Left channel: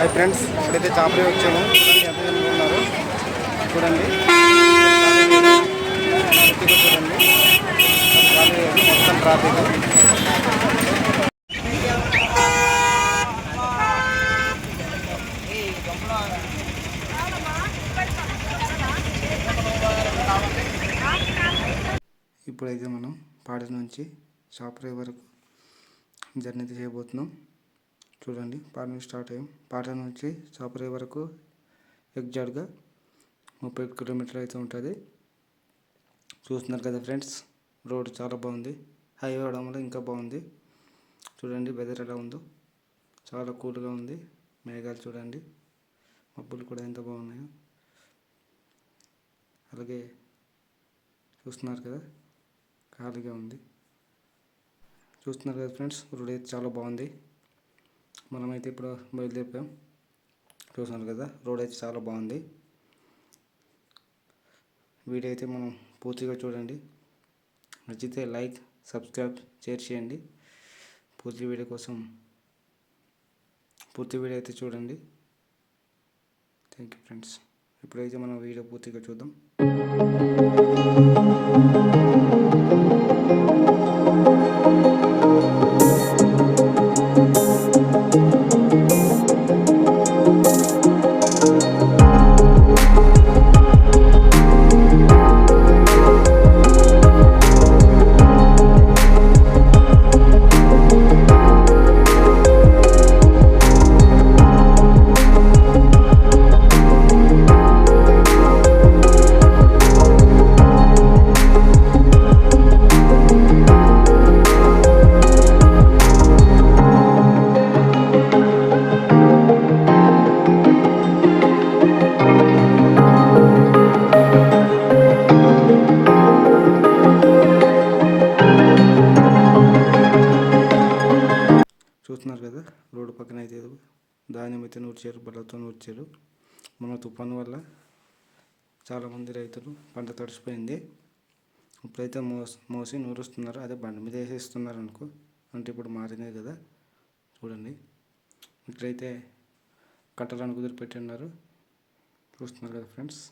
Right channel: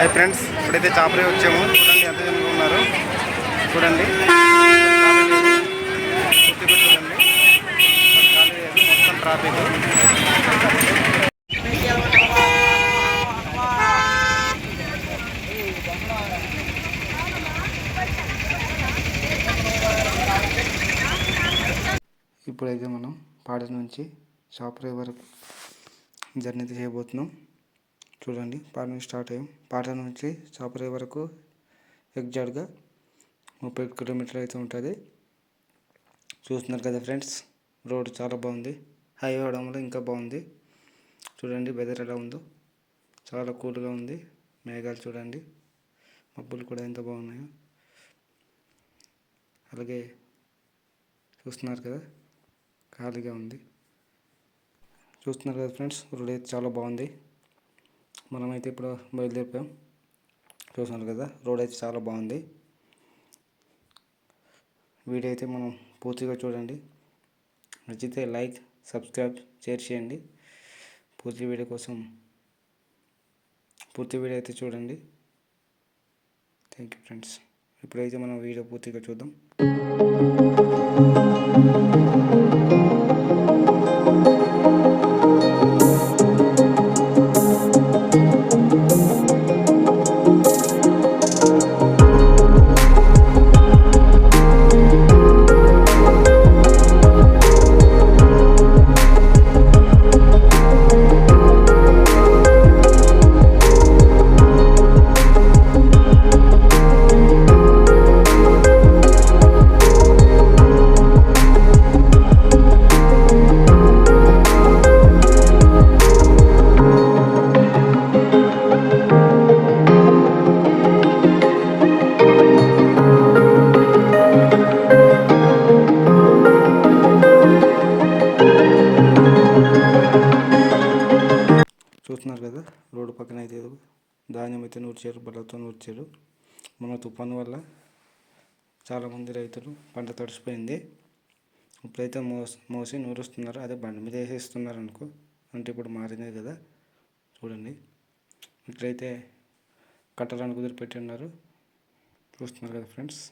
Hi friends, ఇప్పుడైతే చాపరే వచ్చాము. చూడండి ఎంత జనం ఉన్నారు. చూడండి పూర్తిగా చూడండి, ఖాళీ లేదు, మొత్తం ట్రాఫిక్. ఇప్పుడైతే మనం పాడ నుంచి చాపరే వరకు జర్నీ చేయబోతున్నాం. చూడండి, పాట నుంచి స్టార్ట్ అయ్యాం. పాట నుంచి చాపరే వరకు ఎగ్జాక్ట్గా 30 కిలోమీటర్లు అయితే ఉంటుంది. చూస్తున్నారు కదా ఫ్రెండ్స్, రోడ్ చాలా బాగుంది. హైవే అవడం వల్ల ఇంకా బాగుంది. చూడండి వెదర్ ఎలా ఉందో, చాలా కూల్గా ఉంది. మేఘాలు చూడండి, మబ్బులు కూడా ఎంత బాగున్నాయో. అలాగే చూస్తున్నారు కదా, ఖాళీగా ఉంది. చూస్తున్నారు కదా ఫ్రెండ్స్, రోడ్ అయితే చాలా బాగుంది. మనమైతే ఇప్పుడు బయలుదేరిపోయాం. చూస్తున్నారు కదా, రోడ్ అయితే చాలా బాగుంది. వీడియో అయితే మనం పూర్తిగా చూడండి. నచ్చితే లైక్, సబ్స్క్రైబ్, షేర్ చేయండి. పూర్తి వీడియో అయితే చూడండి. Thank you friends. ఇప్పుడైతే మనం వీడియో పూర్తిగా చూద్దాం. చూస్తున్నారు కదా, రోడ్డు పక్కన అయితే ధాన్యం అయితే నూర్చారు, బల్లతో నూర్చారు. మన తుఫాను వల్ల చాలామంది రైతులు పంట తడిసిపోయింది. ఇప్పుడైతే మోసి నూరుస్తున్నారు. అదే బండి మీద వేసేస్తున్నారు అనుకో, అంటే ఇప్పుడు మారిందే కదా. చూడండి, ఇక్కడైతే కట్టడానికి కుదిరిపెట్టి ఉన్నారు. చూస్తున్నారు కదా ఫ్రెండ్స్.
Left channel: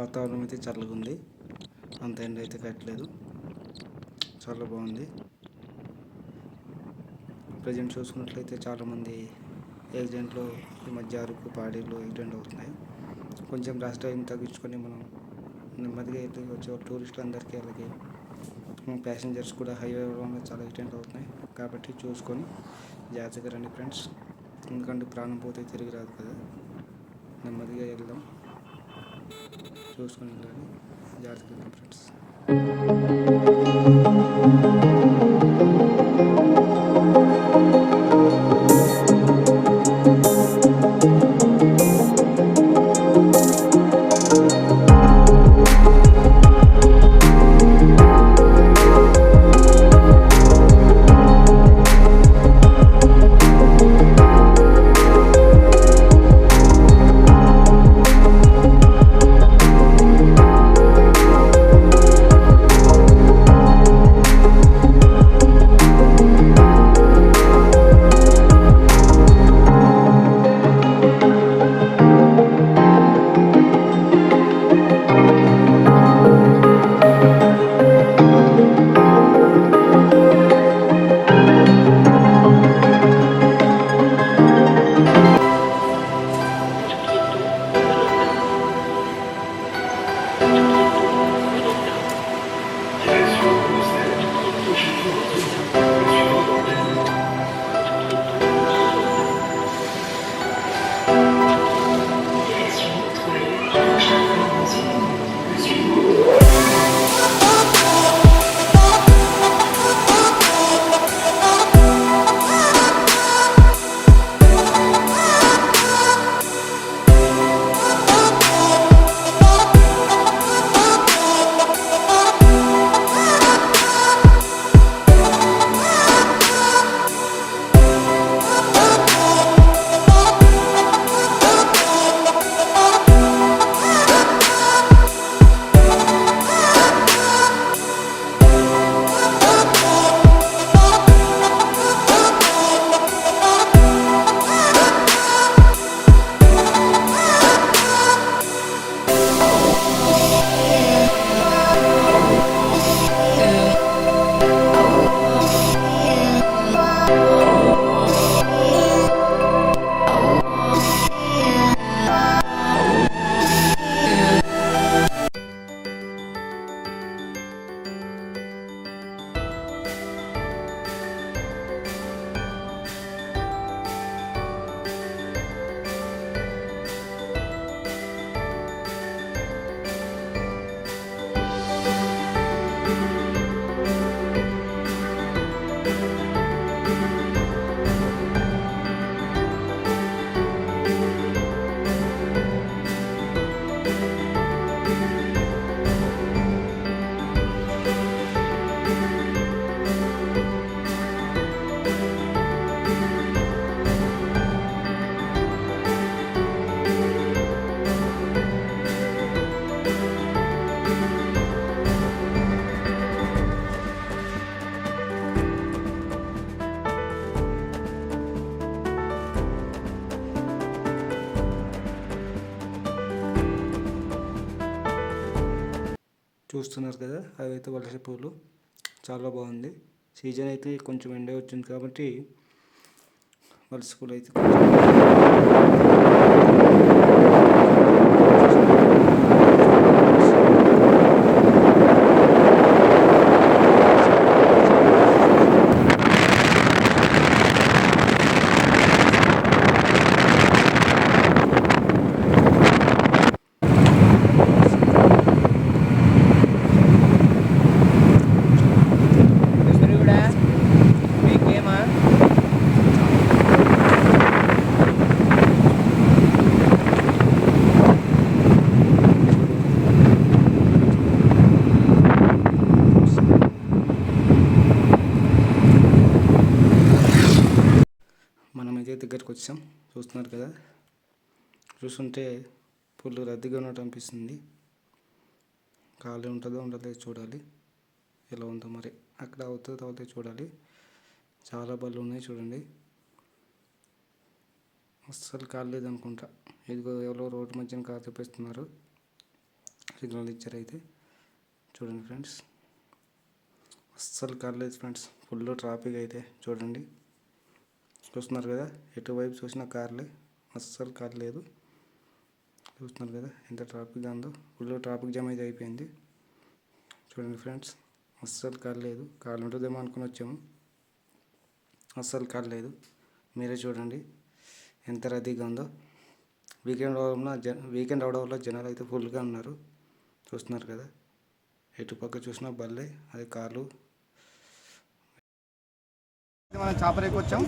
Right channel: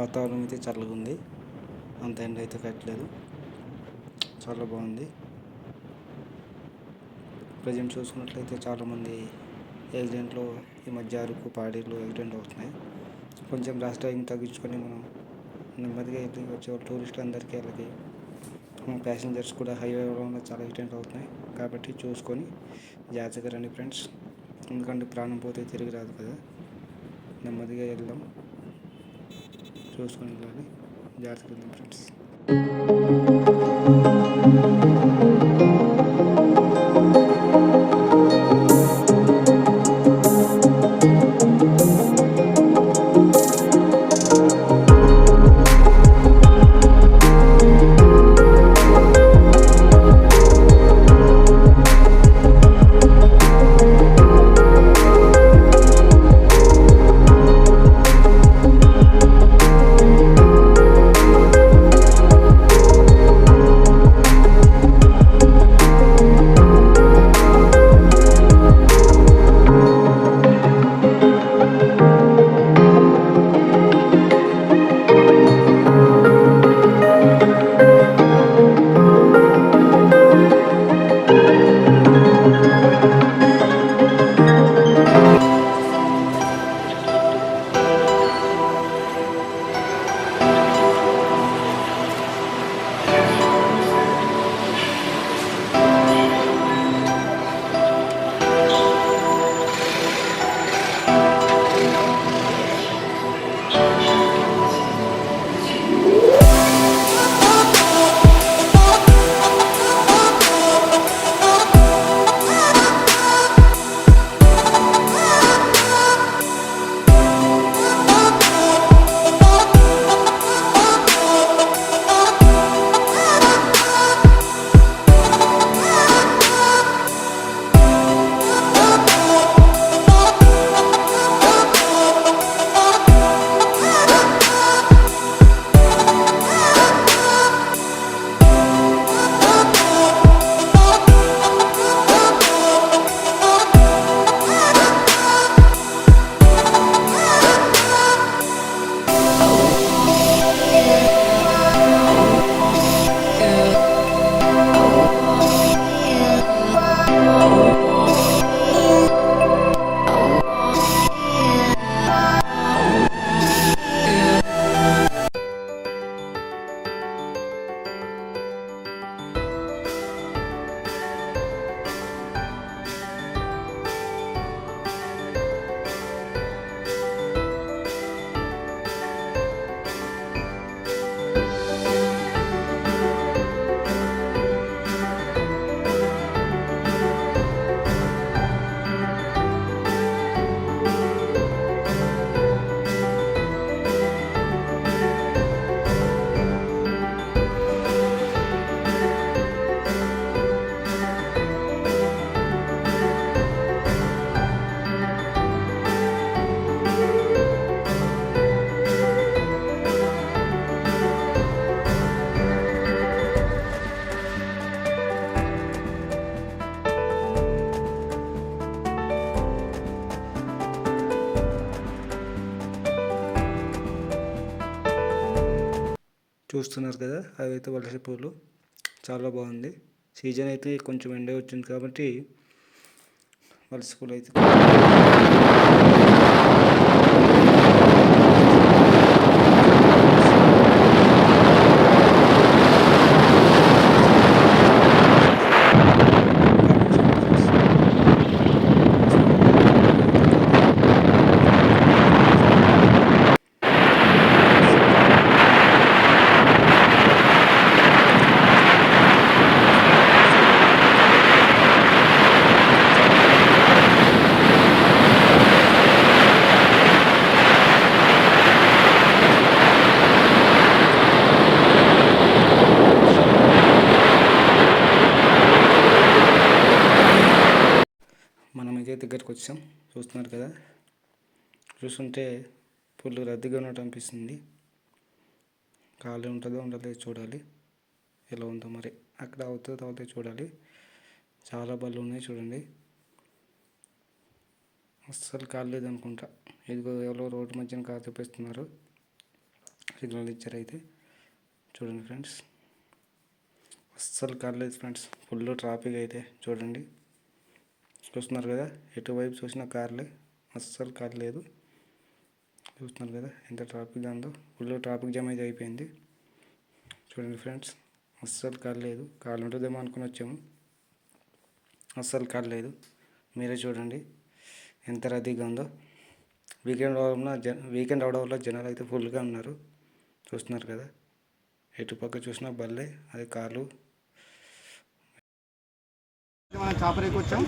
వాతావరణం అయితే చల్లగా ఉంది, అంత ఎండ అయితే కట్టలేదు, చాలా బాగుంది. ప్రజెంట్ చూసుకున్నట్లయితే చాలామంది యాక్సిడెంట్లో ఈ మధ్య అరకు పాడేళ్ళు యాక్సిడెంట్ అవుతున్నాయి. కొంచెం ర్యాష్ డ్రైవింగ్ తగ్గించుకొని మనం నెమ్మదిగా వెళ్ళి వచ్చే టూరిస్టులు అందరికీ, అలాగే ప్యాసింజర్స్ కూడా హైవే వల్ల చాలా యాక్సిడెంట్ అవుతున్నాయి. కాబట్టి చూసుకొని జాగ్రత్తగా రండి ఫ్రెండ్స్, ఎందుకంటే ప్రాణం పోతే తిరిగి రాదు కదా. నెమ్మదిగా వెళ్దాం, చూసుకొని వెళ్ళాలి, జాగ్రత్తగా వెళ్దాం ఫ్రెండ్స్. చూస్తున్నారు కదా, అవి అయితే వలస పూలు చాలా బాగుంది. సీజన్ అయితే కొంచెం ఎండ వచ్చింది కాబట్టి వలస పూలు అయితే మనమైతే దగ్గరికి వచ్చాం. చూస్తున్నారు కదా, చూస్తుంటే ఫుల్ రద్దీగా ఉన్నట్టు అనిపిస్తుంది. ఖాళీ ఉంటుందో ఉండదో చూడాలి, ఎలా ఉందో మరి. అక్కడ అవుతుందో అవుతుందో చూడాలి. చాలా బళ్ళు ఉన్నాయి చూడండి, అస్సలు కాలేదు అనుకుంటా. ఇదిగో ఎవరో రోడ్డు మధ్యన కారు తెప్పిస్తున్నారు, సిగ్నల్ ఇచ్చారు అయితే. చూడండి ఫ్రెండ్స్, అస్సలు కాలేదు ఫ్రెండ్స్, ఫుల్ ట్రాఫిక్ అయితే చూడండి. చూస్తున్నారు కదా, ఎటువైపు చూసినా కార్లే, అస్సలు కాలేదు. చూస్తున్నారు కదా ఎంత ట్రాఫిక్గా ఉందో, ఫుల్ ట్రాఫిక్ జామ్ అయితే అయిపోయింది. చూడండి ఫ్రెండ్స్, అస్సలు కాలేదు. కాలు ఉంటుందేమో అనుకుని వచ్చాము, అస్సలు కాలేదు. మీరే చూడండి ఎంత రద్దీగా ఉందో. వీకెండ్ అవడం వల్ల జనాలు అయితే ఫుల్గా ఉన్నారు. చూస్తున్నారు కదా, ఎటుపక్క చూసినా బల్లే, అది కార్లు. మనం చాపరేకి వచ్చాం.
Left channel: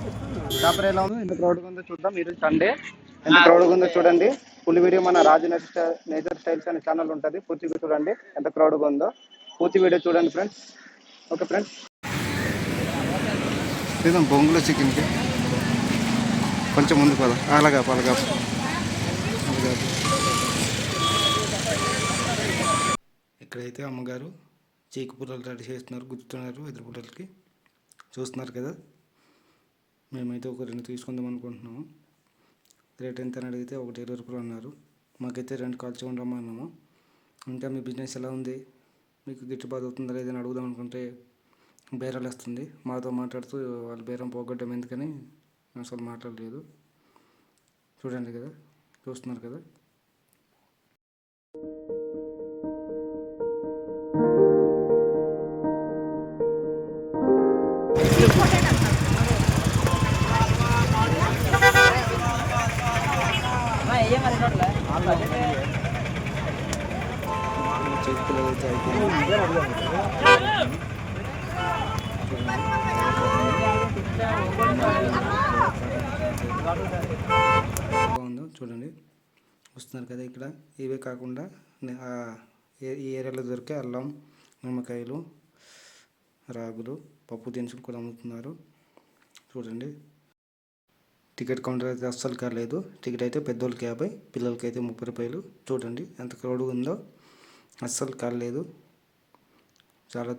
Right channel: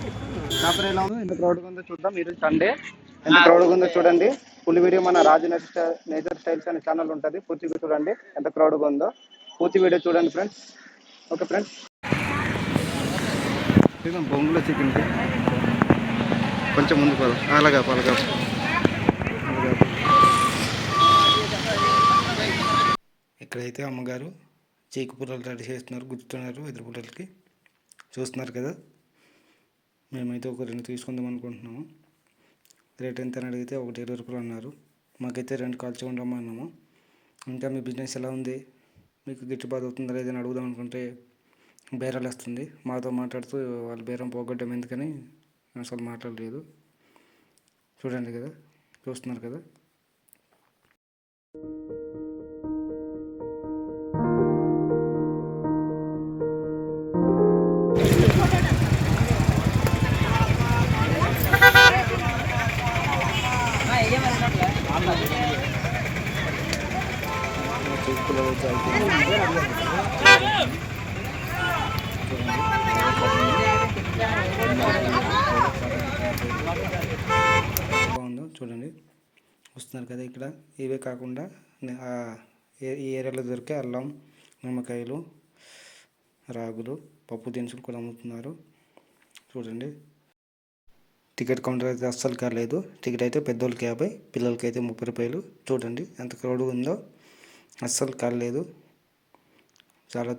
చాపర ఎలా ఉందో, ఎంత క్రౌడ్గా ఉందో చూద్దాం. ఈరోజు సండే, ఎంత క్రౌడ్గా ఉందో చూడండి. ఫుల్ వీడియో మన రాజు నేచర్ స్టైల్స్ అనే ఛానల్ ఉంటుంది, పూర్తిగా చూడండి ఎంత క్రౌడ్గా ఉందో. పూర్తి వీడియో చూడండి ఫ్రెండ్స్. ఓకే ఫ్రెండ్స్, లేదాం బొంగులో చికెన్కి కొంచెం ముందుకు పోదాం. అలాగా ఇక్కడైతే అమ్మగారు చీకు పుల్లలు రెడీ చేస్తున్నారు, గుర్తున్నారు ఎదురు పుల్లలకి. చూస్తున్నారు కదా, మేమైతే ఒక 2 తీసుకుందాం అనుకుంటున్నాము. రేట్ ఎంత అని అడిగితే 1 రూపాయలు అన్నారు. మాకైతే 2 కాల్చి ఉండమన్నాము. ఇంకా మీ బిజినెస్ ఎలా ఉంది, మీకు గిట్టుబాటు అవుతుందా లేదని అడుగుదాం అనుకుంటే బేరాలు వస్తుంది. మాతో మాట్లాడుతూ వాళ్ళు బేరం పోగొట్టడం ఎందుకని అసలు మాట్లాడలేదు. చూడండి కదా, చూస్తున్నారు కదా. బాగుందో చూడండి. వస్తున్నారు కదా, ఇక్కడ ఇవే కాకుండా ఈ ఏరియాలో దొరికే అల్లం, నిమ్మకాయలు, రాగులు, పప్పు దినుసులు కూడా అమ్ముతున్నారు చూడండి. టికెట్ కౌంటర్ అయితే అస్సలు కాలేదు. టికెట్ అయితే పెద్దోళ్ళకి 50, పిల్లలకి అయితే 30 రూపాయలు. చూడండి ఎంత క్రౌడ్ ఉందో, అస్సలు కాలేదు. చాలా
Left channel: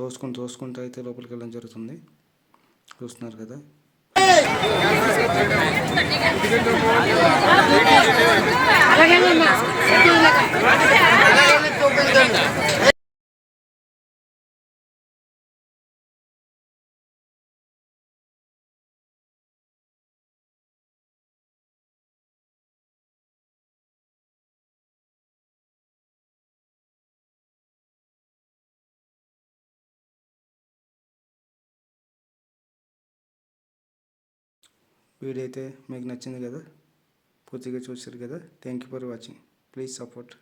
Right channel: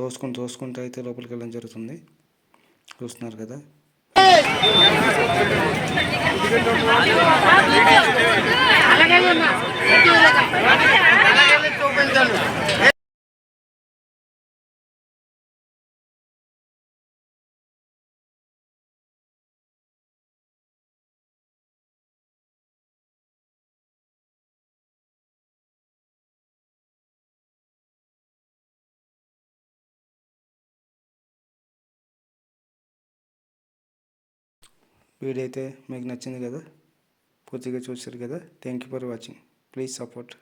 తోసుకుంటూ అయితే లోపలికి వెళ్ళడం జరుగుతుంది. చూస్తున్నారు కదా. వీడియో అయితే మీకు నచ్చింది కదా, పూర్తిగా చూసారు కదా. Thank you for watching. Please support.